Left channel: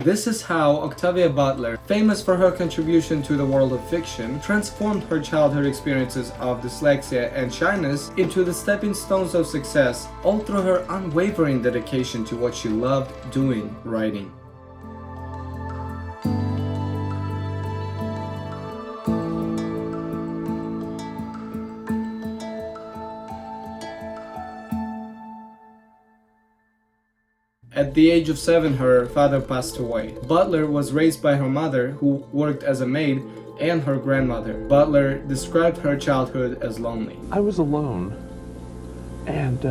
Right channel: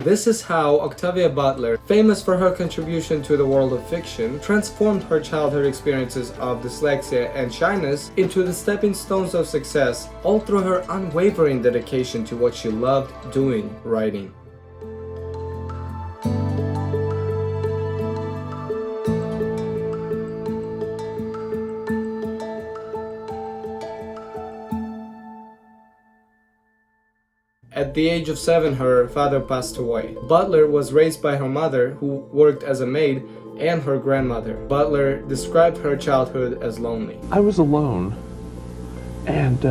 This is how Octavia Butler, famous for her contribution to the world of fiction, transformed her childhood experiences of dyslexia and shyness into the stepping stones of success, all through her unwavering dedication to what she loved doing, writing. At the age of 7, her father passed away. Butler was raised by her mother, who worked as a maid, and her grandmother. Butler described her childhood as lonely. I was alone, and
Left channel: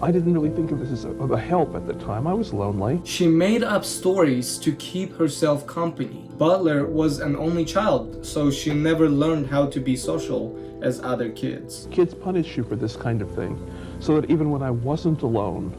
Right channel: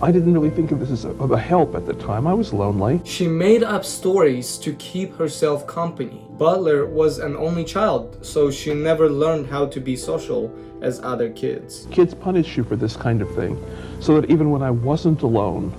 I didn't really think of this as a help at the time. I was lonely. She made up stories to keep herself company. Butler was an only child, so she never learned how to be social as other kids. Kids punish you for this kind of thing, so that even when I wasn't alone,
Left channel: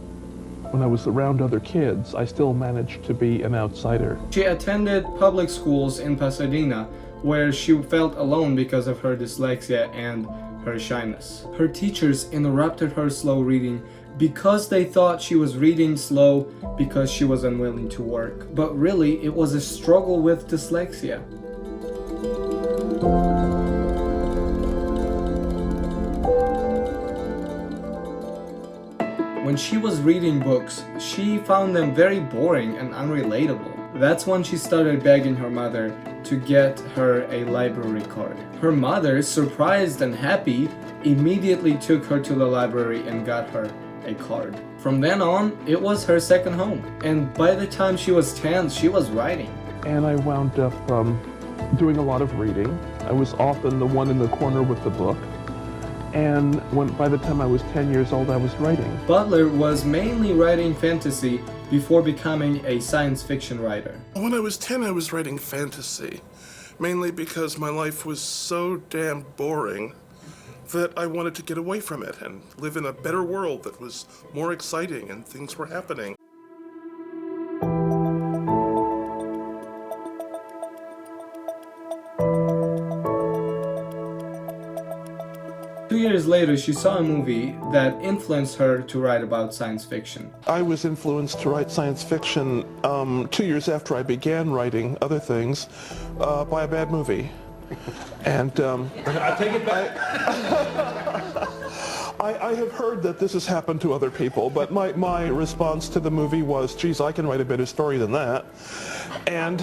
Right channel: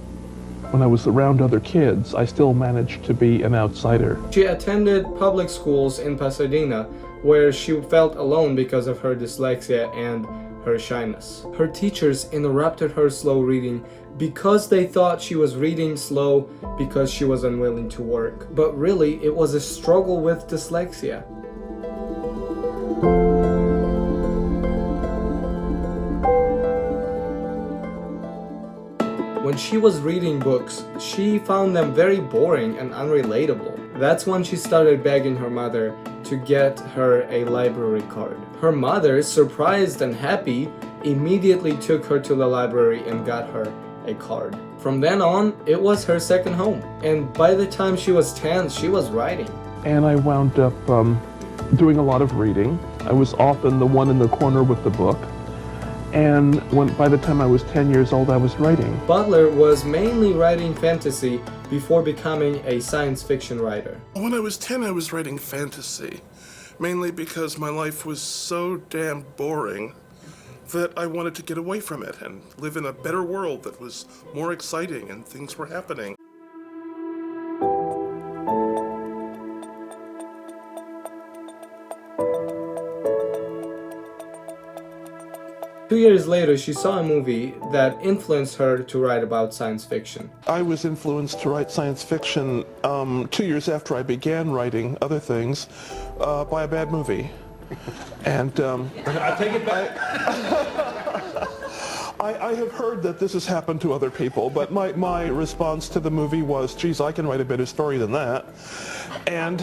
when I was around other kids, I still managed to be an outsider. She attended public schools in Pasadena, where she felt alone because of her dyslexia and her shyness. Her teachers interrupted her slow reading because they thought she was reading slow because she was unwilling to work. But really, it was a struggle with dyslexia. When she was reading books, she found them very boring and unrelatable. That's when she started begging her mother to get her a library card. Her mother, surprised and happy, immediately took her to the library and got her a card. From then on, it was her second home. And by the time she was 10, she was writing. And I wound up doing a lot of reading. I was often the one in the corner with the book. And by the time I was 10 years old, I was writing. Butler was mainly writing fantasy before becoming a science fiction writer. When I was 10, I was writing fantasy, mainly because my life was so damn boring that I wanted to get away from it and live in a better world that was more exciting and things were happening. 2 years later, she saw a movie that influenced her to write about science fiction. I was influenced to write science fiction 2 years after I began writing other things by a bad movie. And I take it back. I have heard that this has happened to other people, but my response to the movie was, geez, I can write a better story than that. And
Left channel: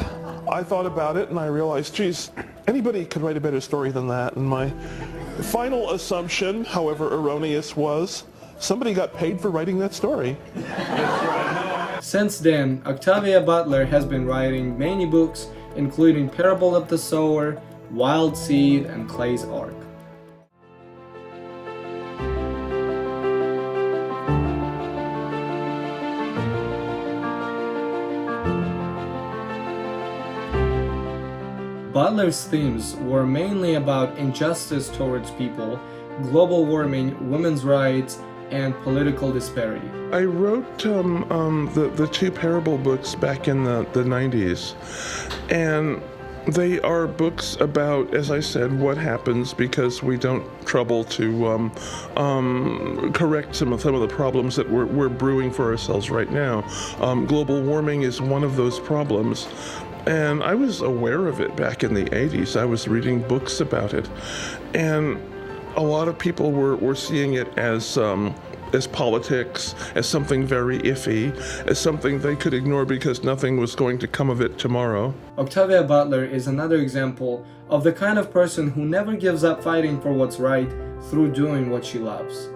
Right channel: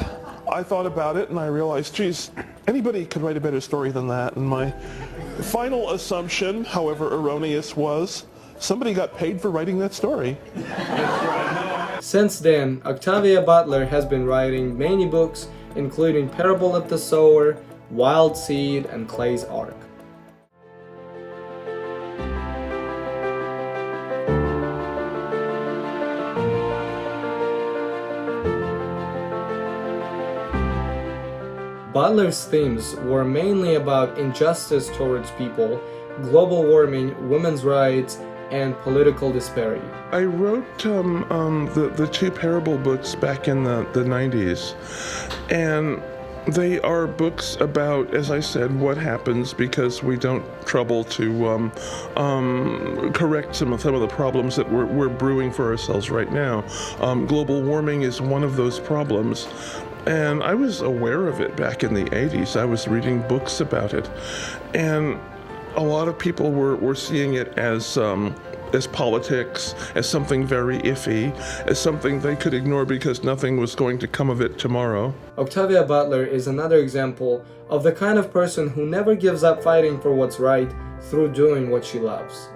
I thought about it and I realized, geez, anybody could write a better story than that. And my final assumption, however erroneous, was somebody got paid for writing that story. Since then, Octavia Butler has been writing many books, including Parable of the Sower, Wild Seed, and Clay's Ark. Butler's themes were mainly about injustice towards people, global warming, women's rights, and political disparity. I wrote the two Parable books back in the 90s, and they are books about, as I said, what happens because we don't trouble to correct some of the problems that we're brewing for ourselves right now. Global warming is one of those problems. And I was aware of it back in the 80s. I was reading books about it. And a lot of people were seeing it as politics, as something very iffy, as something they could ignore because nothing was going to come of it tomorrow. Octavia Butler is another example of the kind of person who never gives up fighting for what's right through doing what she loves.